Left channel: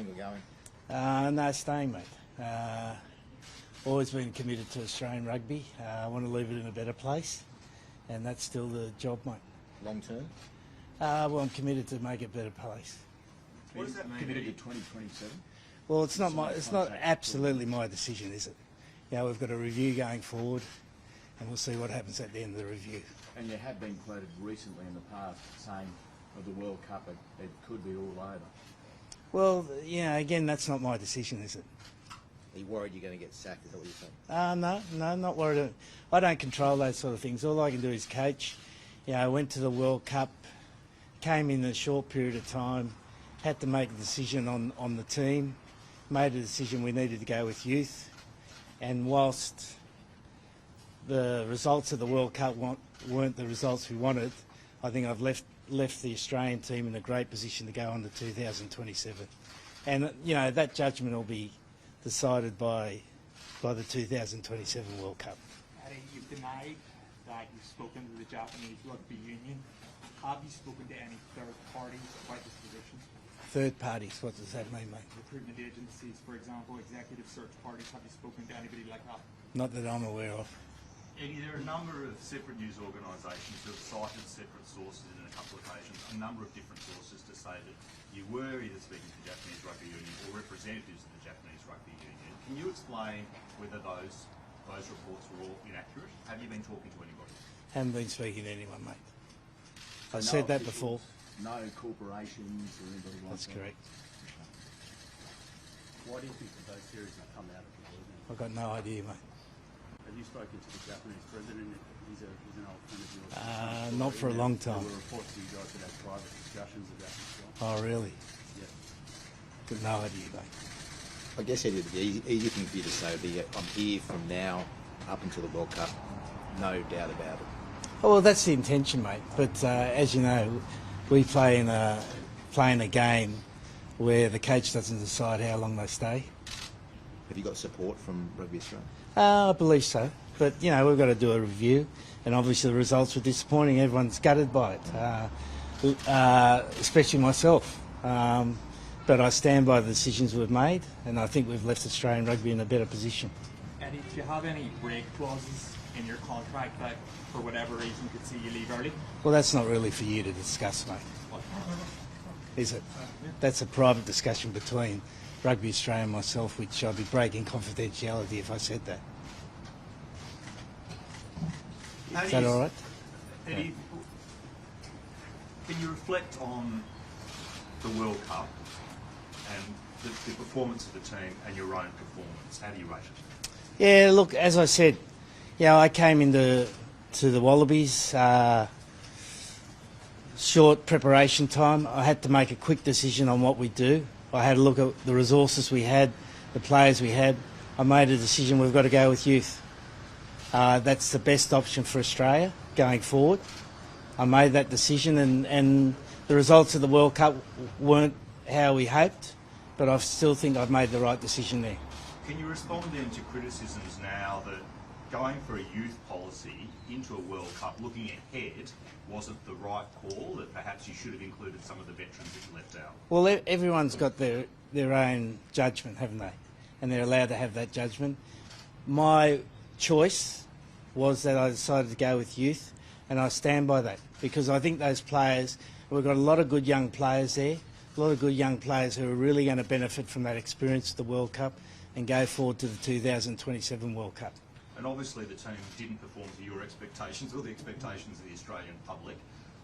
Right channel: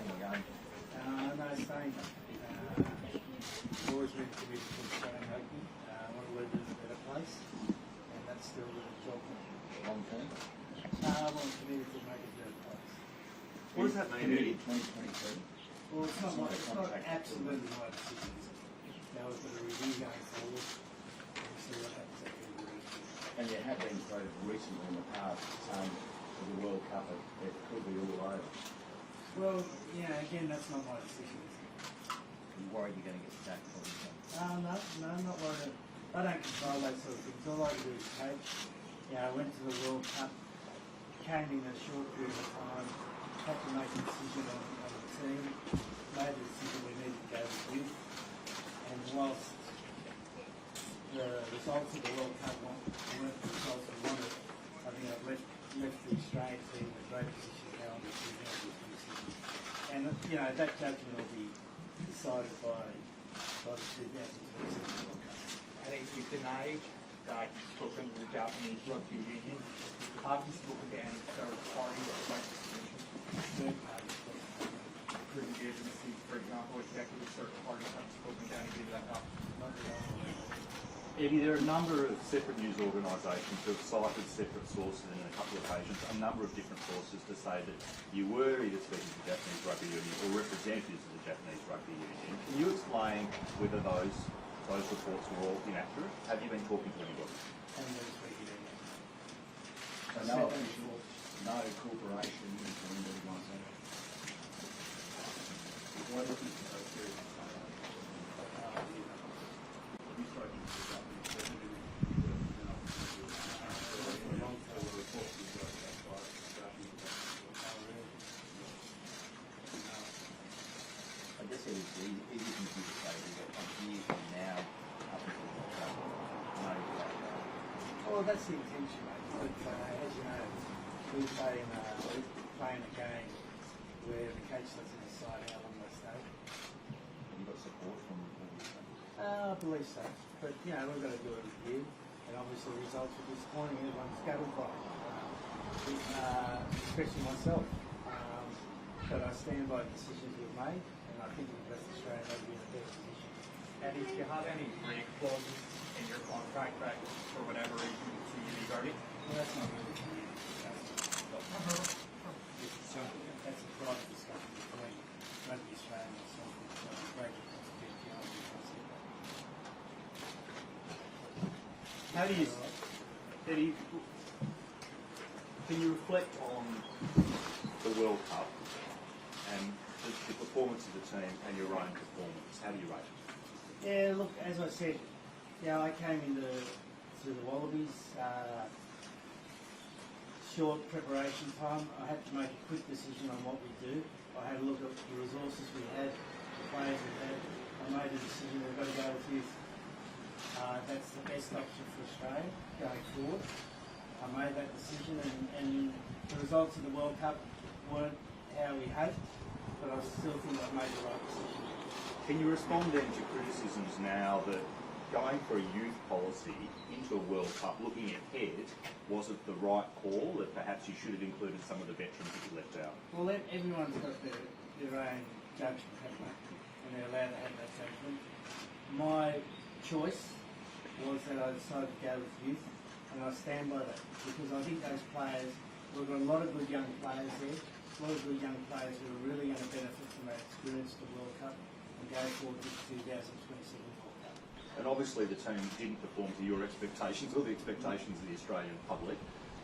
staying or going? No, staying, mate. Always been committed to Australian rugby. I want to leave it in a better place, and that's still the job, mate. Long term? Well, I'm committed to make it a better place. What does that mean? Committed 2022? Well, it's not absolutely my decision, is it? Yeah, we've got a review going forward, and we'll see what happens at the end of the review. And there have been quoted recently in the past saying of the World Cup it could be all over. Well, yeah, again, that's not my decision, is it? Are you worried you're going to get sacked, obviously? No, not worried. I don't control those sort of things. All I can do is coach. I went to the World Cup, came in a short period of time, had to make a decision on the team, made a decision we needed to go with youth, and whilst the results of the World Cup weren't the results we wanted, I think I've left the Australian team in a great position to go on to 2027. And, that judgment will be decided by the 2027 World Cup. I think you denied that you've spoken to the Japanese Rugby Union. Have you spoken to any third party about the solution? Third parties, what does that mean, mate? Recruitment agencies, for example, executive search parties haven't spoken to anybody like that. Not that I'm aware of. Eddie, there are a number of separate news organisations who have cited separate sources in a couple of occasions, a number of different sources to say that you were either speaking to the Japanese Rugby Union or representatives of the Japanese Rugby Union. Can you explain whether those reports were all inaccurate? Have you been talking to anybody? Haven't been speaking to anyone, mate. I said that before. No corporations or anybody. That's correct. Why do you think those periods have come out? I've got no idea, mate. Have you spoken to the Japanese president? Not for a long time. There were reports that you guys had private discussions about this. Oh, really? Got no idea, mate. I guess the easy thing for you to say would be I'm here from now up until the World Cup. No doubt about it. Oh, well, that's the intention, mate. But as you know, we play in a game where the coach doesn't decide how long they stay. Have you got support from Rugby Australia? I believe so. But, we've got to do a review. And obviously the results were disappointing. Everyone's gutted by it, especially myself. But I stand by the decisions we've made, and I think we've left Australian rugby in a better position. Eddie, do you have any break clauses in your contract that, for whatever reason, could see you leave early? Well, that's not really for you to discuss, mate. Is it? That's a private discussion between Rugby Australia and myself, which I'd be breaking confidentiality if I said that. Is that all right? Eddie, can you reflect on the World Cup and the performance of the team and your own performance? How do you rate it? Yeah, look, as I said, I came into the Wallabies, short preparation time. I had to make a quick decision on what we do. I had a look at the resources we had, the players we had. I made a decision we've got to go with youth. That's the best option for Australia going forward. I made that decision, and the results of the World Cup weren't how we hoped, but I still think I've made the right decision there. Can you respond then to criticisms now that going for a youth policy into a World Cup, looking ahead, wasn't the right call, that perhaps you should have included some of the veterans that you left out? Well, everyone's got their own judgment, haven't they? And they're allowed to have that judgment. My choice was that I decided to go with youth, and I stand by that, because I think those players, we've got a lot of good young players there, a lot of good young players who are really going to benefit from that experience of the World Cup and go forward to the 2027 World Cup. And obviously the team didn't perform to your expectations or the expectations of the Australian public.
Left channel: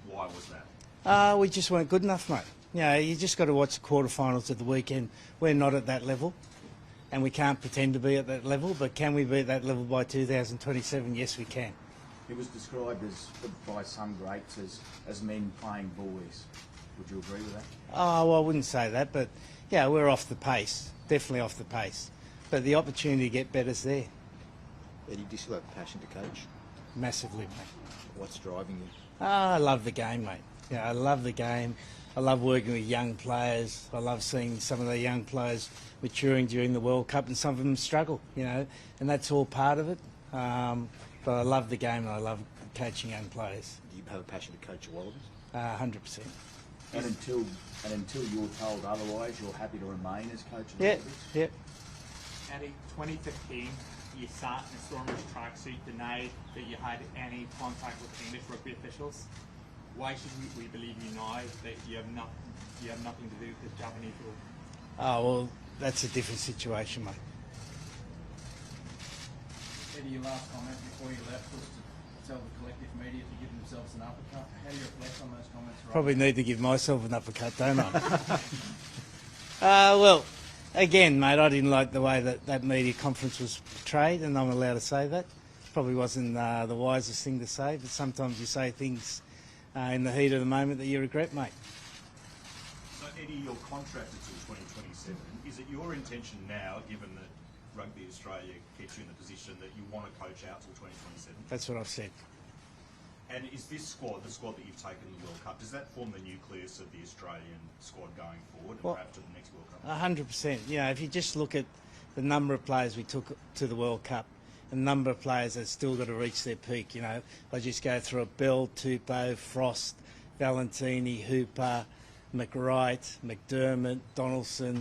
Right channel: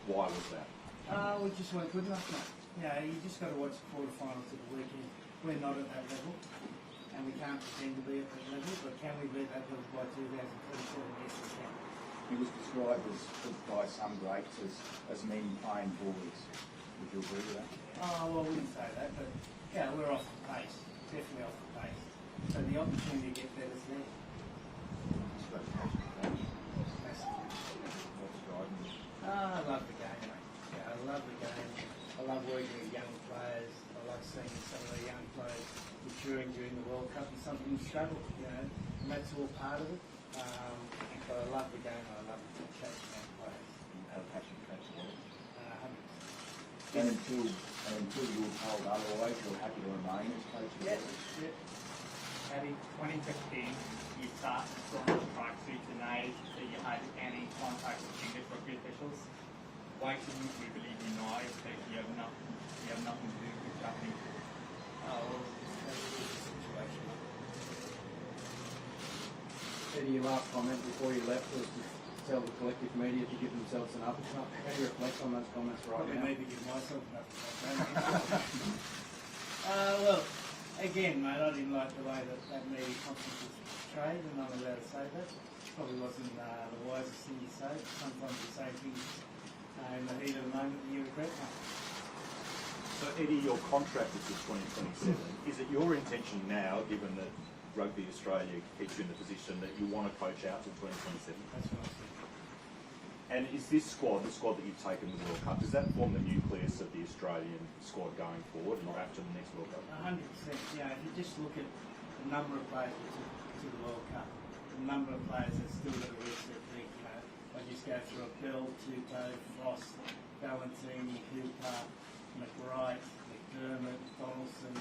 Why was that? We just weren't good enough, mate. You just got to watch the quarterfinals of the weekend. We're not at that level, and we can't pretend to be at that level, but can we be at that level by 2027? Yes, we can. It was described by some greats as men playing bullies. Would you agree with that? Oh, well, I wouldn't say that, but we're off the pace, definitely off the pace. But the opportunity to get better's there. And you do still have a passion to coach. Massively. What's driving you? I love the game, mate. I love the game. I love working with young players. I love seeing some of the young players maturing during the World Cup, and some of them struggle, and that's all part of it. But I love the game, and I love coaching young players. Do you have a passion to coach a Wallabies? 100%. And until you're told otherwise, you're happy to remain as coach? Yeah, yeah. And in 2015, you sat in a Stormers tracksuit denied that you had any contact with English rugby officials. Why should we believe you now that you have nothing to do with Japanese rugby? Oh, well, that's a different situation, mate. Eddie, your last comment before you left was to tell the collective media to give themselves an uppercut. How do you reflect on those comments? Probably need to give myself an uppercut, don't I? Well, again, mate, I didn't like the way that media conference was portrayed, and I'm allowed to say that. Probably wasn't the wisest thing to say, but sometimes you say things in the heat of the moment that you regret, mate. So Eddie, your contract is until 2027. Is it your intention now, given that Rugby Australia keeps you in the position that you want to coach out till 2027? That's what I've said. And is this squad, the squad that you've taken to the World Cup, does that form the nucleus of the Australian squad going forward and Well, perhaps to the next World Cup? 100%. Yeah, if you just look at the number of players we took to the World Cup, the number of players that still got to reach their peak, you know, I just go through a Bell, Tupou, Frost, Valentini, Hooper, McWright, McDermott, Donaldson,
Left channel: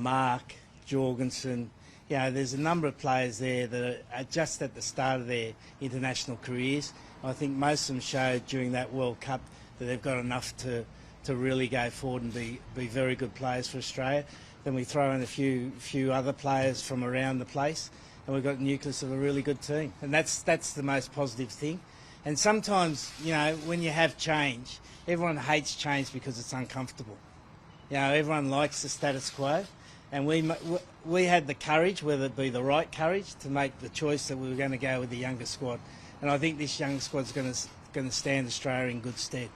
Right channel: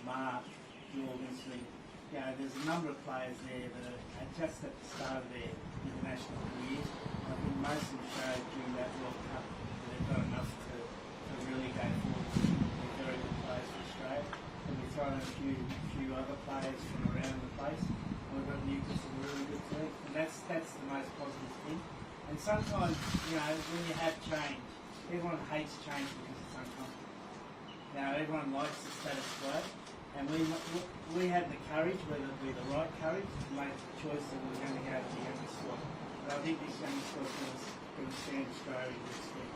Mark, Jorgensen. You know, there's a number of players there that are just at the start of their international careers. I think most of them showed during that World Cup that they've got enough to really go forward and be very good players for Australia. Then we throw in a few other players from around the place, and we've got a nucleus of a really good team. And that's the most positive thing. And sometimes, you know, when you have change, everyone hates change because it's uncomfortable. You know, everyone likes the status quo. And we had the courage, whether it be the right courage, to make the choice that we were going to go with the younger squad. And I think this young squad's going to stand Australia in good stead.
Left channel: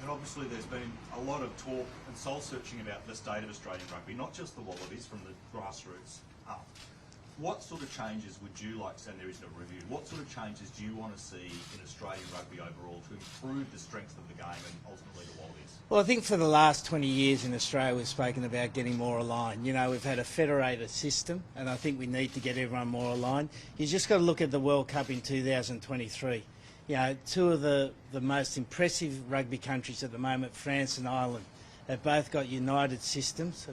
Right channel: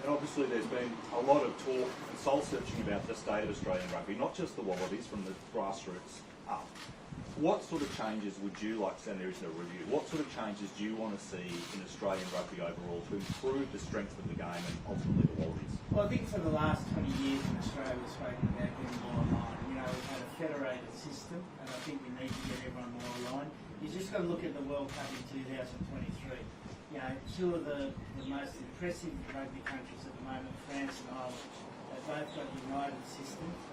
And obviously there's been a lot of talk and soul-searching about the state of Australian rugby, not just the Wallabies, from the grassroots up. What sort of changes would you like to see, and there is a review, what sort of changes do you want to see in Australian rugby overall to improve the strength of the game and ultimately the Wallabies? Well, I think for the last 20 years in Australia we've spoken about getting more aligned. You know, we've had a federated system, and I think we need to get everyone more aligned. You just got to look at the World Cup in 2023. You know, two of the most impressive rugby countries at the moment, France and Ireland, they've both got united systems,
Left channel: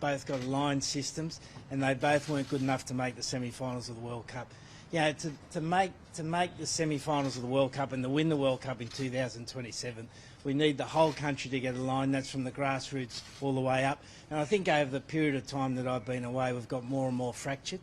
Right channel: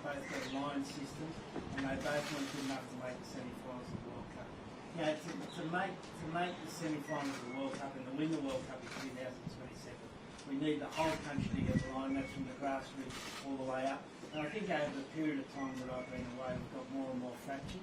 both got aligned systems, and they both weren't good enough to make the semi-finals of the World Cup. You know, to make the semi-finals of the World Cup and to win the World Cup in 2027, we need the whole country to get aligned. That's from the grassroots all the way up. And I think over the period of time that I've been away, we've got more and more fractured.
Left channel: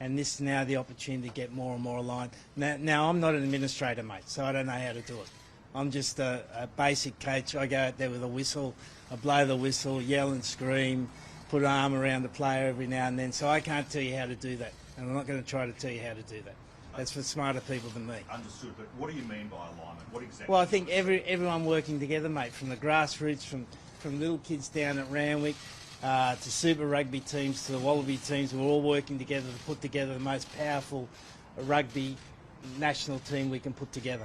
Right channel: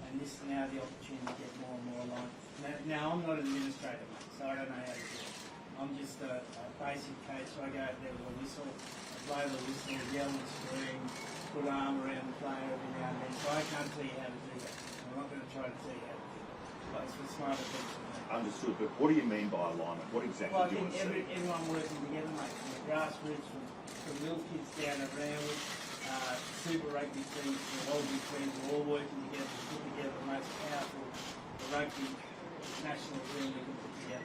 And this is now the opportunity to get more and more aligned. Now I'm not an administrator, mate, so I don't know how to do it. I'm just a basic coach. I go out there with a whistle, I blow the whistle, yell and scream, put an arm around the player every now and then. So I can't tell you how to do that. And I'm not going to try to tell you how to do that. That's for smarter people than me. Understood, but what do you mean by alignment? What exactly? Well, I think everyone working together, mate, from the grassroots, from little kids down at Randwick, to Super Rugby teams, to the Wallaby teams, we're all working together to put together the most powerful rugby national team we can put together.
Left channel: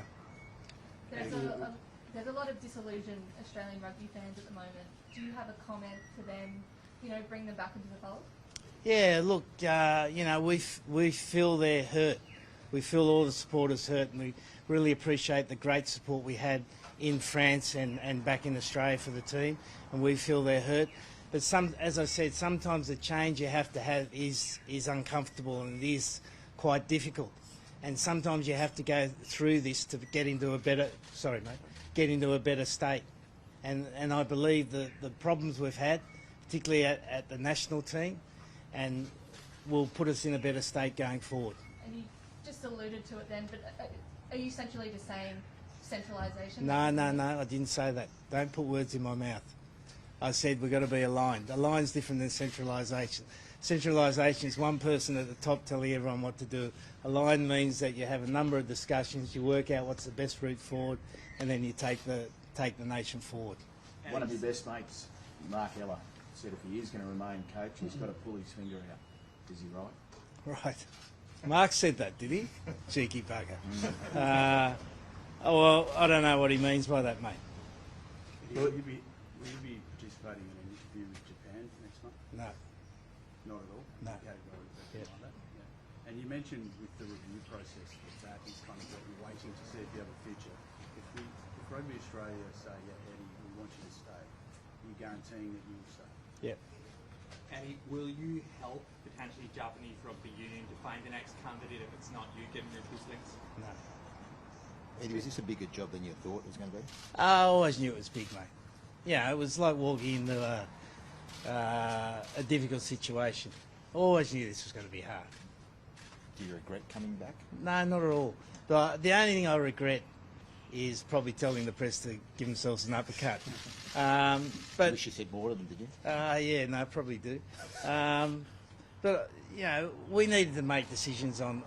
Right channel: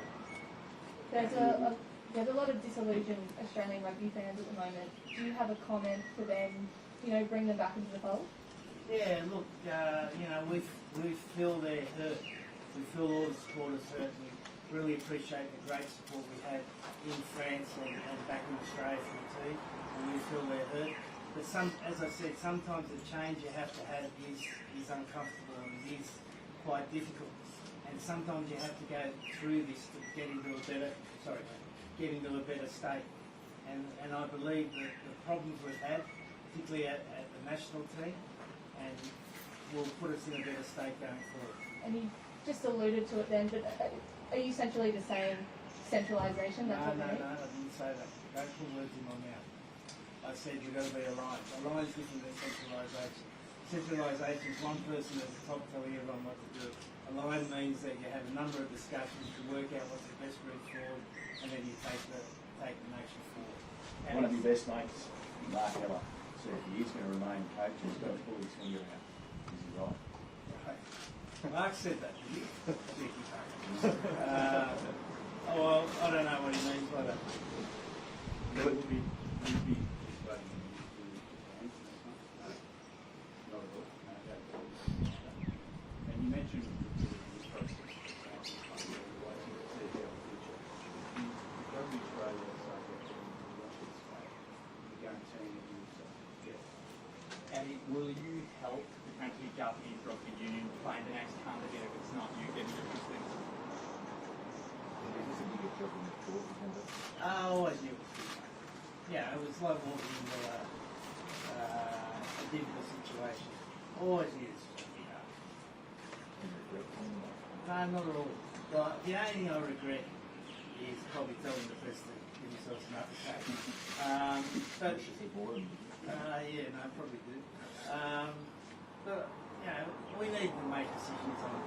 There's a lot of disillusioned Australian rugby fans at the moment. Do you have a comment to then, you know, bring them back into the fold? Yeah, look, you know, we feel they're hurt. We feel all the supporters hurt, and we really appreciate the great support we had in France and back in Australia for the team, and we feel they're hurt. But as I said, sometimes the change you have to have is uncomfortable and it is quite difficult. And sometimes you have to go through this to get into a better, state. And I believe the problems we've had, particularly at the national team, and will put us in a better state going forward. And you just alluded to it then, but are you essentially just saying centralisation? No, I didn't say that. Don't put words in my mouth. I said we've got to be aligned. Aligned's different than centralisation. Centralisation is one person at the top telling everyone what to do. Aligned means that you have a number of discussions, you work out what's the best route forward, and then you take the nation forward. One of your best mates, Mark Ella, said he is going to remain coach. He's got to pull his finger out. Is he right? Right. Mark said that, did he? Cheeky bugger. Oh, well, I don't know what he means by that, mate. Would you be participating in the interview with Japan next month? No. Not at all? No. Okay. And you mentioned the process that France is kind of waiting to see about the future. If Rugby Australia say that they launch its Eddie, will you help potentially Japanese rugby union find the next candidate if it's not you, given your instincts? Eddie, was this a bigger job than you thought it was going to be? I always knew it was big, mate. Yeah, it was like walking into a difficult situation. Always knew this was going to be hard. Do you regret coming back? No, not at all. But the only thing I regret is probably telling the press to give themselves an uppercut. But Wish you said more of them, did you? yeah, no, probably do. But you know, we needed to make decisions on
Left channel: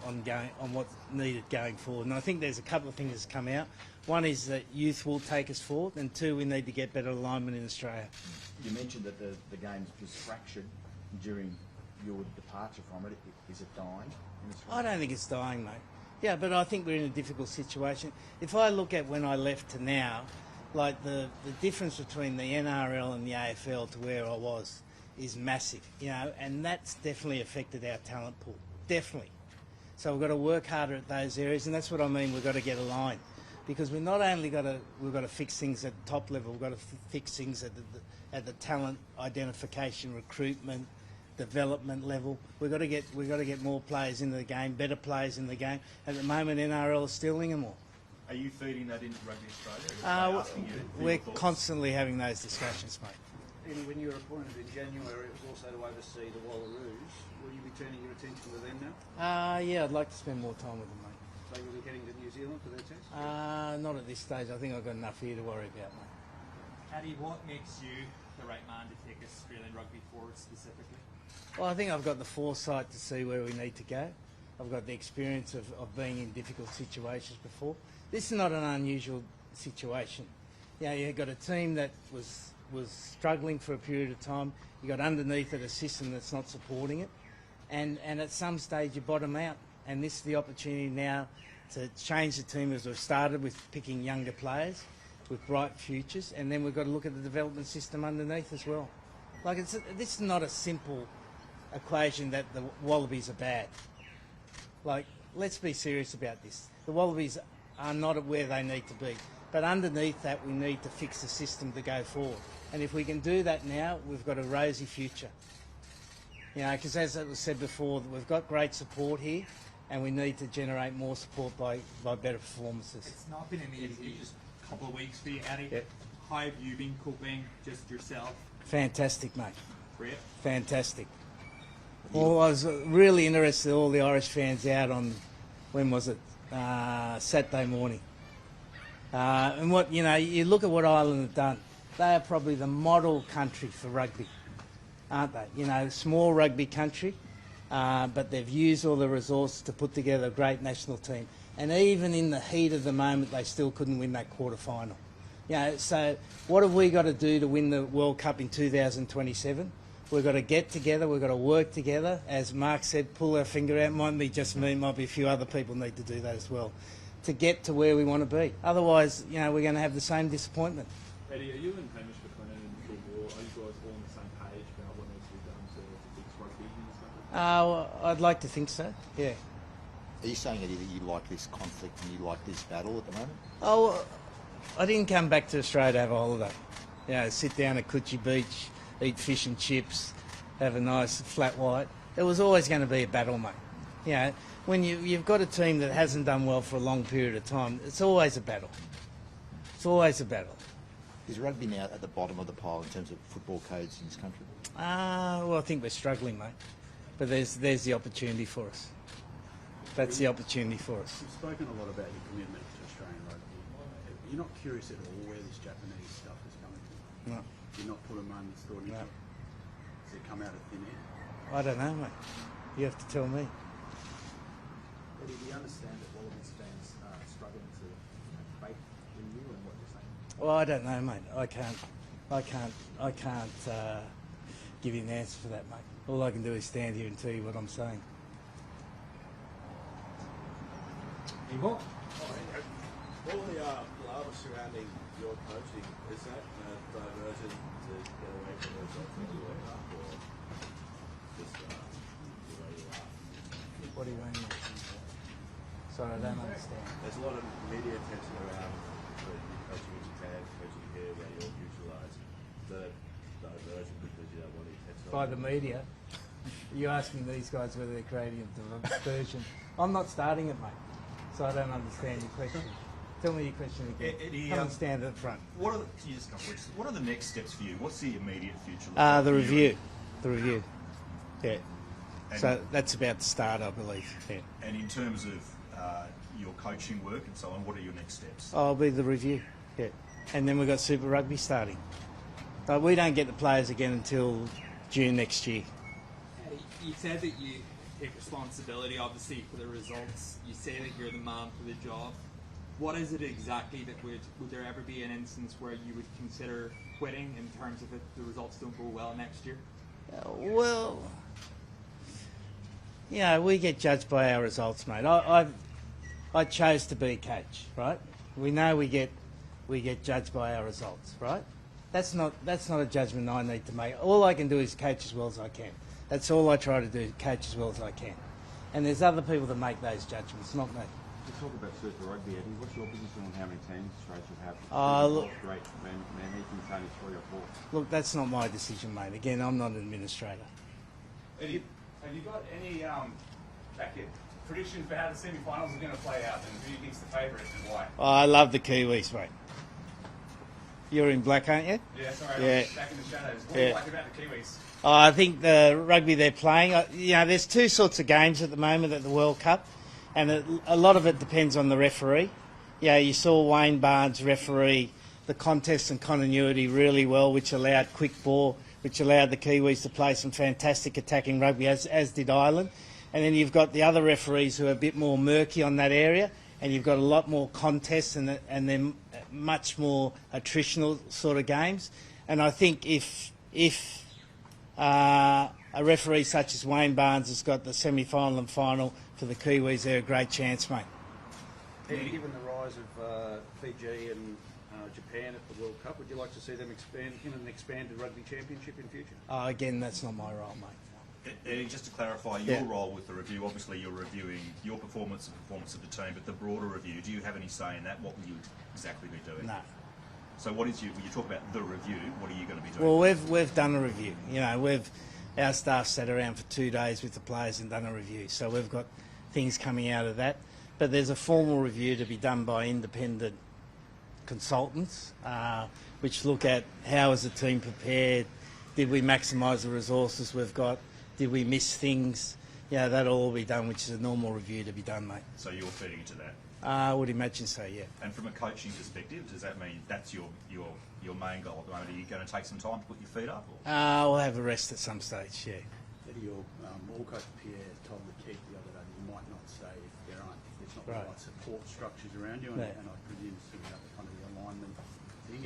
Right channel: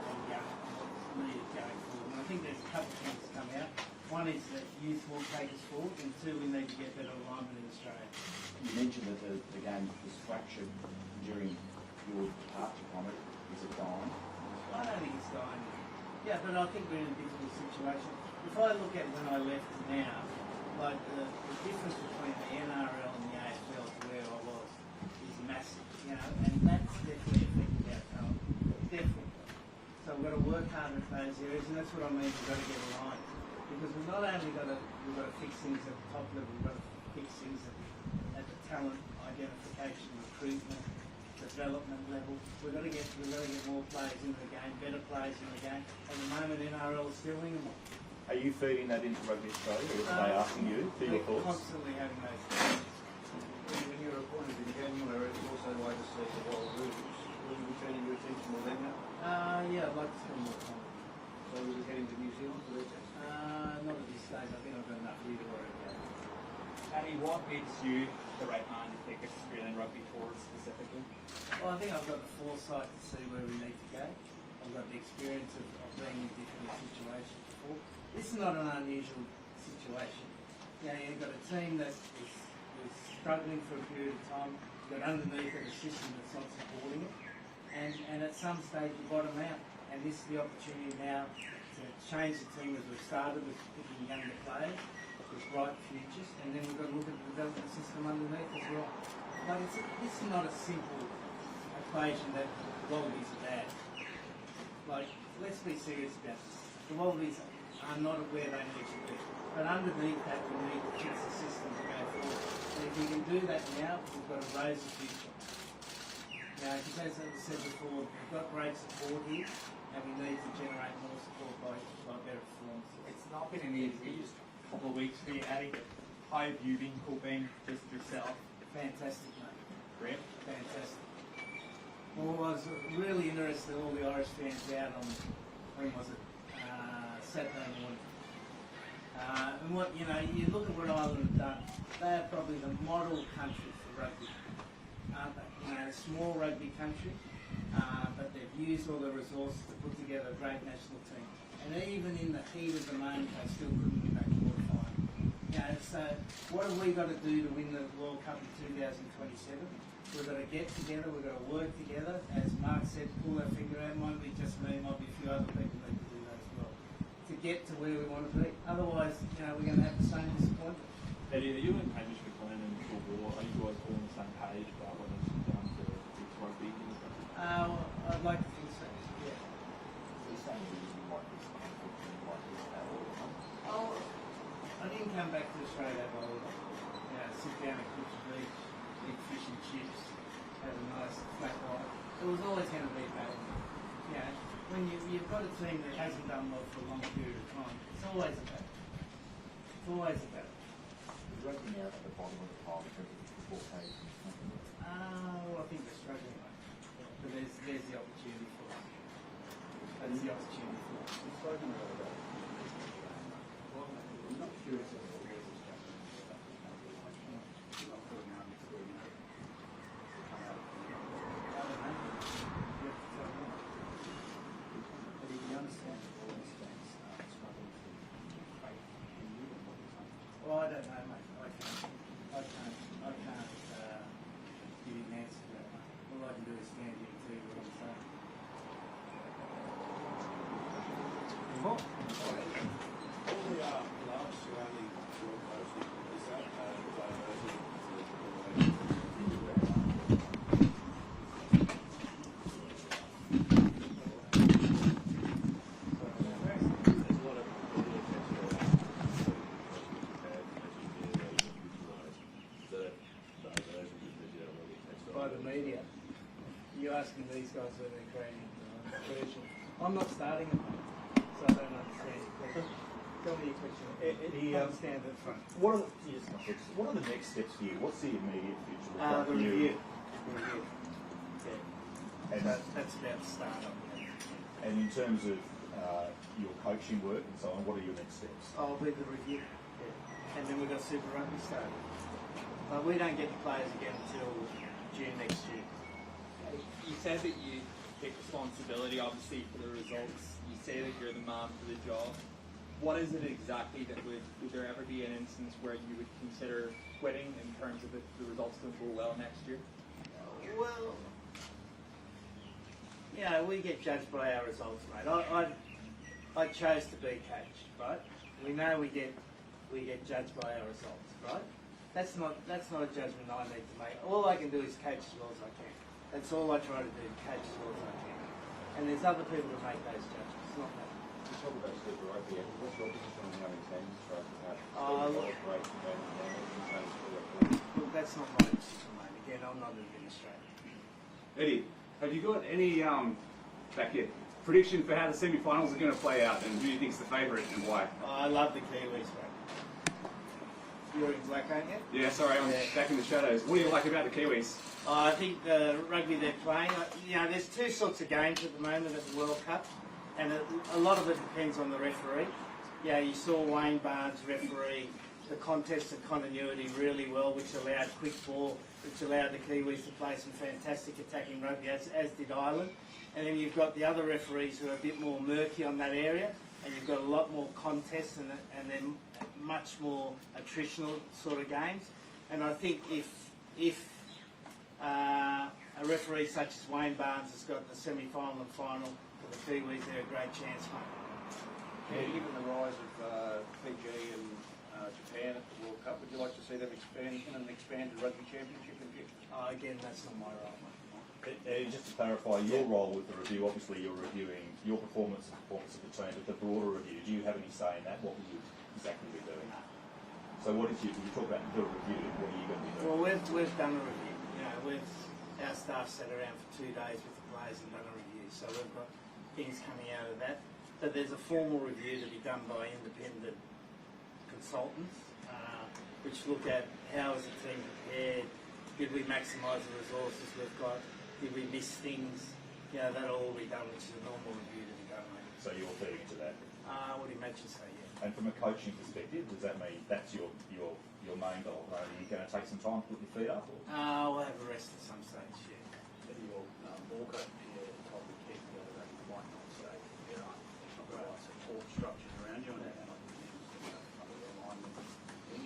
what needed going forward, and I think there's a couple of things that's come out. One is that youth will take us forward, and two, we need to get better alignment in Australia. You mentioned that the game was fractured during your departure from it. Is it dying? I don't think it's dying, mate. Yeah, but I think we're in a difficult situation. If I look at when I left to now, like the difference between the NRL and the AFL to where I was is massive, you know, and that's definitely affected our talent pool, definitely. So we've got to work harder at those areas, and that's what I mean. We've got to get aligned, because we've not only got to fix things at the top level, we've got to fix things at the talent identification, recruitment, development level. We've got to get more players into the game, better players in the game. At the moment, NRL is stealing them all. Are you feeding that into Rugby Australia, or are they asking you for We're your thoughts? constantly having those discussions, mate. When you were appointed in January, it's also oversee the Wallabies. Will you be turning your attention to them now? Yeah, I'd like to spend more time with them. So you'll be heading to New Zealand for their test? Not at this stage. I think I've got enough here to worry about. Eddie, what makes you the right man to take Australian rugby forward specifically? Well, I think I've got the foresight to see where we need to go. I've got the experience of being in difficult situations before. This is not an unusual situation. You know, you've got a team that was struggling for a period of time. You've got underneath it a system that's not supporting it. And at some stage you bottom out. And this is the opportunity now to change the team, as we've started with picking younger players with bright futures. And then we've got to look at the development system underneath as well. Like, this is not a simple equation that the Wallabies are bad. Like, let's be serious about this. The Wallabies are not at where they need to be. But underneath that, we need to fix the system to go forward. And if we can do that now, we've got a rosy future. You know, because as it was said before, we've got great support here, and we need to generate more support by better performances. It's not been an easy couple of weeks for you, Eddie. Yep. How have you been coping, just yourself? Fantastic, mate. Great. Fantastic. Well, I was really interested in all the Irish fans out on, when was it? Saturday morning. And what, you know, you look at what Ireland have done. They are probably the model country for rugby, aren't they? You know, small rugby country, but they've used all the resources to put together a great national team. And even in the heat of the moment, they still couldn't win that quarter final. You know, so what have we got to do to win the World Cup in 2027? We've got to get together, we've got to work together. As Mark said, pull our finger out. Might be just me, might be a few other people need to do that as well, to get to where we want to be. Otherwise, you know, we're going to have the same disappointment. Eddie, are you and Hamish McLennan and Phil Moore, are you guys all on the same page about what needs to be done to fix rugby in this country? I'd like to think so, yeah. Are you saying, Eddie, that you like this conflict and you like this battle at the moment? Oh, I didn't come back to Australia to have a holiday. You know, sit down at Coogee Beach, eat fish and chips, have a nice flat white. There was always going to be a battle, mate. You know, when you've got a team that hasn't done well for a long period of time, it's always a battle. It's always a battle. Is rugby now at the bottom of the pile in terms of football codes in this country? Well, I think we're struggling, mate. But there's the opportunity for us. That's the opportunity for us. You've spoken a lot about your commitment to Australian rugby. You're not curious at all where this Japanese stuff is coming from? No. You're not for a moment's thought, you know, does it come out of thin air? I don't know, mate. You have to tell me. But if you understand that all these fans are struggling to create in you and what you're saying. Well, I don't know, mate. I can't give you an answer for that, mate. All I can do is stand here and tell you what I'm saying. All the love surrounding your coaching, is that diverted to get away from What do you mean? Sorry, I don't understand. There's a lot of media attention around coaching in Japan, coaching here, where you're utilised. Is that a diversion because you don't want the attention by the media. You asking these guys whether they're creating the version. I'm not starting it, mate, so I don't understand your question. Tell me your question again. Eddie, Come and stand at the front. What are the next steps for you? What's the immediate future? look The like for you? review. The review. Yeah. And, So that's about to start, I believe. Yeah. and in terms of your coaching work and so on, what are your next steps? I'll be the review. Yeah. And then we've got Super Rugby starting. But we don't get the players again until June next year. You said that you take responsibility, obviously, for the results. You say that you're the man for the job. What is it exactly that would there ever be an instance where you would consider quitting in terms of if the results don't go well next year? Well, we get judged by our results, mate. I chose to be coach, right? We know we get judged by our results, right? That's not a judgment I need to make. All I can do is coach as well as I can. That's all I try to do, coach as well as I can. And there's other people that make those judgments, not me. You talk about Super Rugby, and what's your position on how many teams Australia have? Look, Great defend, and anything's only 3 or 4. look, that's not my decision, mate. Again, I'm not an administrator. Eddie, have you got any prediction for how the semi-finals are going to play out, and who do you think's the favourite and why? I love the Kiwis, mate. You're in black, aren't you? Yeah, sorry, Yeah. I'm back in the shadows. What do you like about the Kiwis? I think the rugby they're playing, there's two sorts of games at the moment at the World Cup, and a lot of it depends on the referee. Yeah, you saw Wayne Barnes referee the contest and continuity really well, which allowed quick ball, which allowed the Kiwis to play some fantastic attacking rugby, as did Ireland. And then you've got the other referees who are a bit more murky on that area, and you've got a lot more contests and then much more attritional sort of games. And I think if a referee such as Wayne Barnes has got the semi-final and final for the Kiwis, they're a great chance, mate. Given the rise of Fiji and Japan at the World Cup, would you like to see them expand in an expanded rugby championship in future? Again, that's not my role, mate. Eddie, just to clarify your role with the review, obviously you're reviewing your performance and performance of the team, but the broader review, do you have any say in that? What will you exactly be doing? No. So what is you talk about the review, what are you going to be doing? Well, we've done a review. Our staff sat around for 2 days with the players and done a review. So we've got things coming out of that. But there's a formal review to be done by independent consultants, which look at how is the team prepared, did we maximise the resources we've got, did we miss things? That'll all be done, which is a normal review to be done, mate. So you're feeding into that? I would imagine so, yeah. And from a coaching perspective, does that mean that's your main goal at the moment? Are you going to take some time to put your feet up? Or? I'll have a rest at some stage, yeah. Your Walker Pierre told the kid the other day you might not stay if there's not the right support structures around you, and I presume kind of alignment.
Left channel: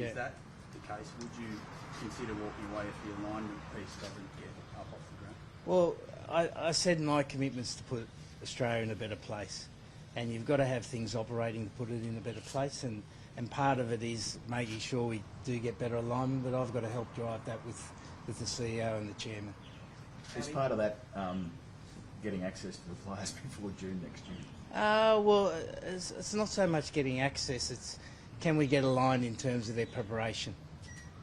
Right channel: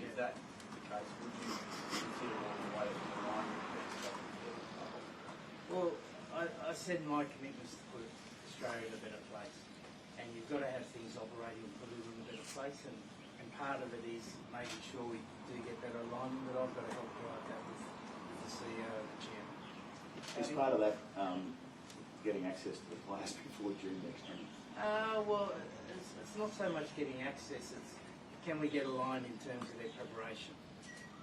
Is that the case? Would you consider walking away if the alignment piece doesn't get up off the ground? Well, I said my commitment's to put Australia in a better place, and you've got to have things operating to put it in a better place, and part of it is making sure we do get better alignment, but I've got to help drive that with the CEO and the chairman. Is part of that getting access to the players before June next year? Well, it's not so much getting access, it's can we get aligned in terms of their preparation.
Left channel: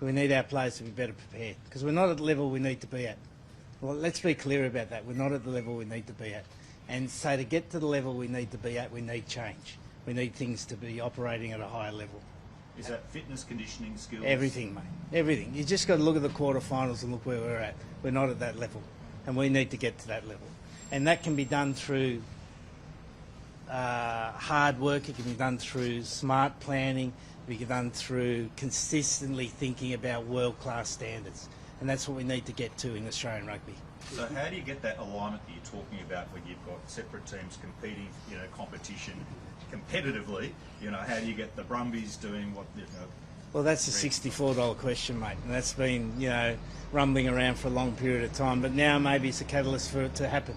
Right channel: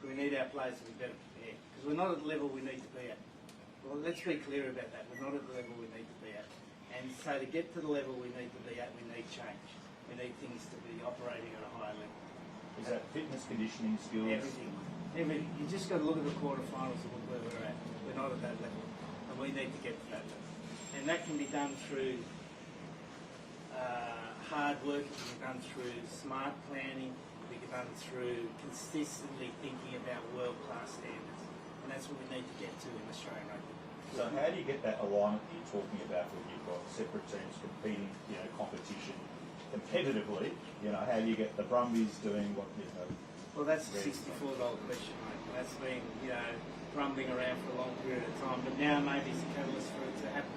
We need our players to be better prepared, because we're not at the level we need to be at. Well, let's be clear about that. We're not at the level we need to be at. And so to get to the level we need to be at, we need change. We need things to be operating at a higher level. Is that fitness, conditioning, skills? Everything, mate. Everything. You just got to look at the quarterfinals and look where we're at. We're not at that level, and we need to get to that level. And that can be done through hard work. It can be done through smart planning. It can be done through consistently thinking about world-class standards. And that's what we need to get to in Australian rugby. So how do you get that alignment that you're talking about when you've got separate teams competing, competition competitively? How do you get the Brumbies doing what? Well, that's a $64 question, mate, and that's been rumbling around for a long period of time. But now maybe it's a catalyst for it to happen,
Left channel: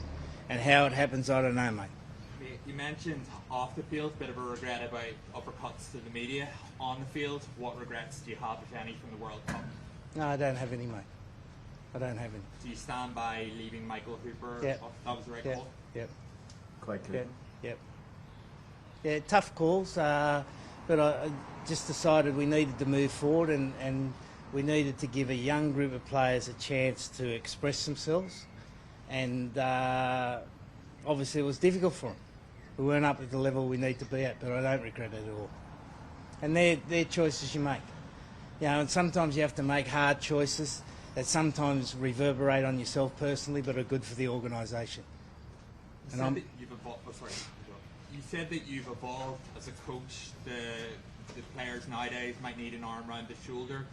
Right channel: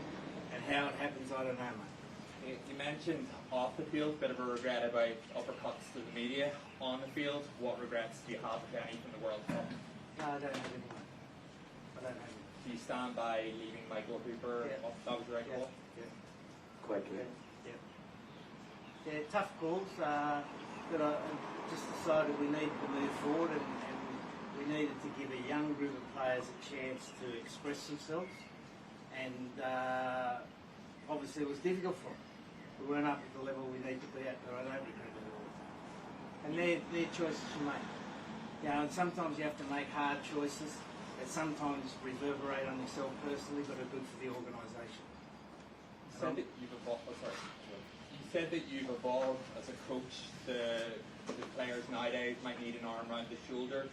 and how it happens, I don't know, mate. You mentioned off the field, bit of a regret about uppercuts to the media. On the field, what regrets do you have, if any, from the World Cup? No, I don't have any, mate. I don't have any. Do you stand by leaving Michael Hooper? Yeah. That was the right call? Yeah. Quite Yeah. good. Yeah, tough calls, but I just decided we needed to move forward, and we needed to give a young group of players a chance to express themselves, and obviously it was difficult for them. We weren't up at the level we need to be at, but I don't regret it at all. And they're choices you make. You know, and sometimes you have to make hard choices that sometimes reverberate on yourself personally, but are good for the organisation. You said that you've evolved. Oh, sorry. You said that you've evolved as a coach. The players nowadays might need an arm around the shoulder.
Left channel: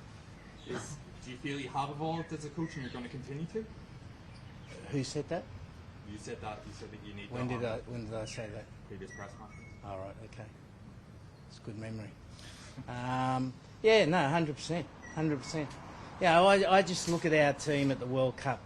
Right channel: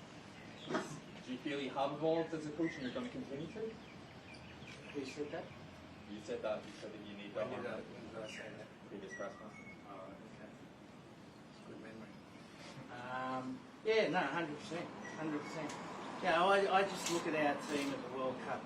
Do you feel you have evolved as a coach and you're going to continue to? Who said that? You said that. You said that you need. When did I say that? Previous press conference. All right, okay. It's good memory. Yeah, no, 100%, 100%. Yeah, I just look at our team at the World Cup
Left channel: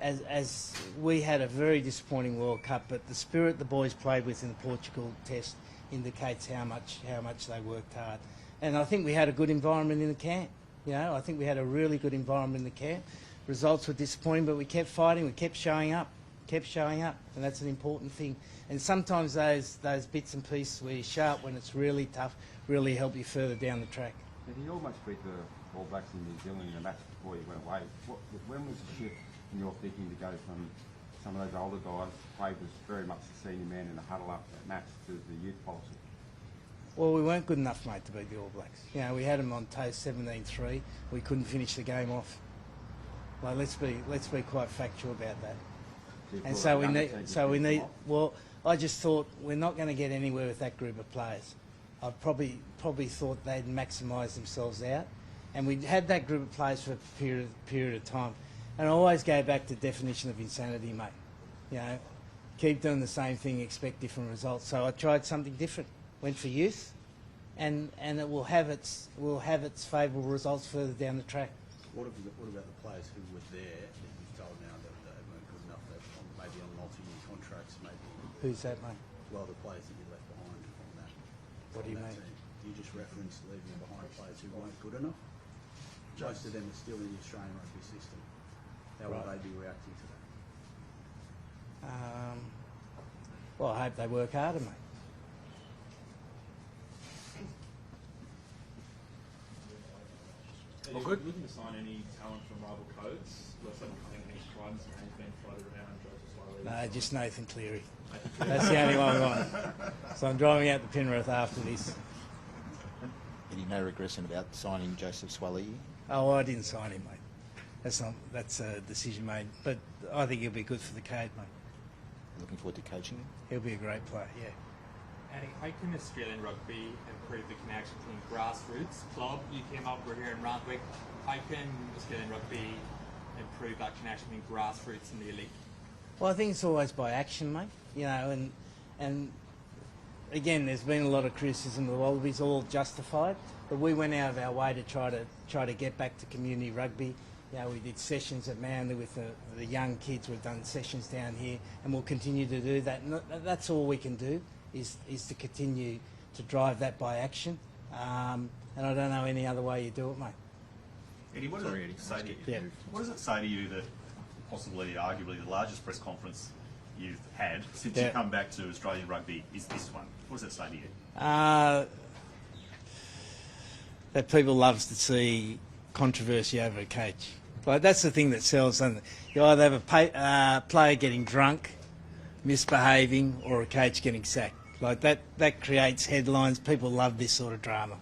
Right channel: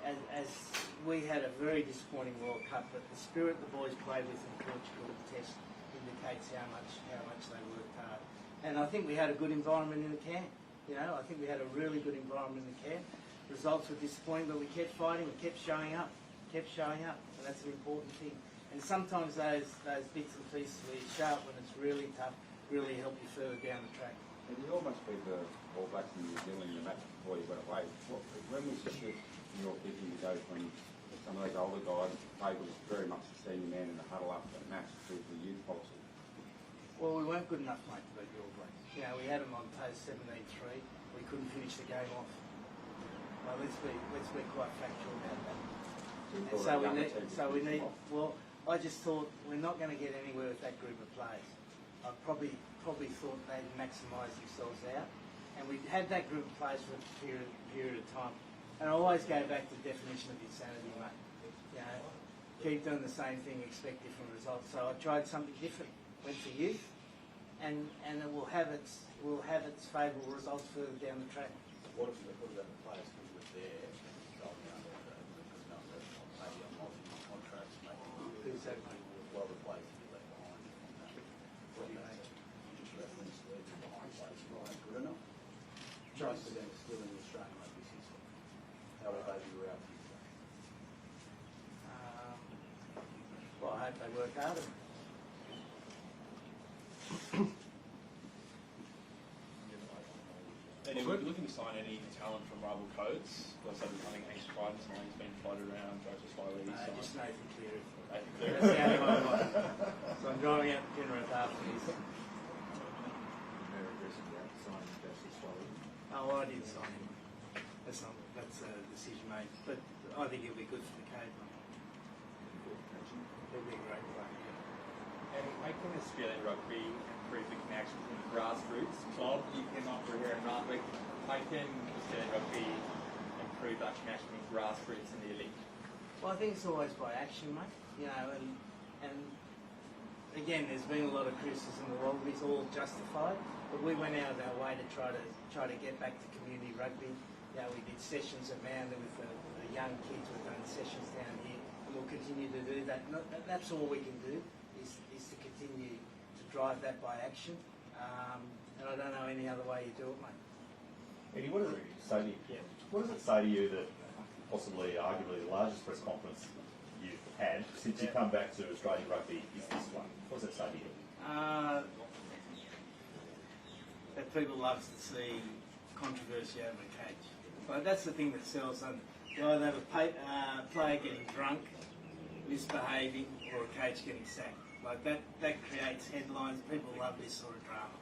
as we had a very disappointing World Cup, but the spirit the boys played with in the Portugal test indicates how much they worked hard. And I think we had a good environment in the camp. You know, I think we had a really good environment in the camp. Results were disappointing, but we kept fighting, we kept showing up, and that's an important thing. And sometimes those bits and pieces where you show up when it's really tough really help you further down the track. And you almost beat the All Blacks in New Zealand in the match before you went away. When was the shift in your thinking to go from some of those older guys that played was very much the senior man in the huddle up that match to the youth policy? Well, we weren't good enough, mate, to beat the All Blacks. You know, we had them on toast 17-3. We couldn't finish the game off. Well, let's be quite factual about that. And so we need. Well, I just thought we're not going to get anywhere with that group of players. I probably thought they'd maximise themselves out, and we had that group of players for a period of time. And I always go back to the definition of insanity, mate. You know, keep doing the same thing, expect different results. So I tried something different. Went for youth, and it will have its favourable results further down the track. What about the players who were there and you told now that they weren't good enough, that maybe on multi-year contracts, maybe? Who's that, mate? Well, the players that you left behind on that. What do you mean? You just referenced leaving behind players who weren't good enough. Most of them are still in the Australian rugby system. How will they be reacting to that? Well, I hope they work harder, mate. Are you looking to sign any talent from rival codes? Because I think Hanks Crichton's name's been floated around, Joseph slowly. No, just Nathan Cleary. That's the only one I want. So I'm driving out to Penrith after this. Any no regression about signing Joseph Swally? Oh, I didn't sign him, mate. That's a decision made. But I think he'll be good for the code, mate. Looking forward to coaching him. He'll be a great player, yeah. And how can Australian rugby improve the connection between grassroots club? You came up, we're here in Randwick. How can Australian rugby improve that connection between grassroots and the elite? Well, I think it's always by action, mate. You know, and again, there's been a lot of criticism of the Wallabies, all justified. But we went out of our way to try to get back to community rugby. You know, we did sessions at Manly with the young kids. We've done sessions down here, and we'll continue to do that. And that's all we can do is to continue to drive that by action. And I don't know any other way you do it, mate. Eddie, what does it say to you? Yeah. What does it say to you that possibly, arguably, the largest press conference you've had since you come back to Australian rugby is this one? What does that say to you? That people loves to see controversy over a cage. But that's the thing that sells, doesn't it? You either have a player getting drunk, misbehaving, or a coach getting sacked. Like that creates headlines. People love this sort of drama.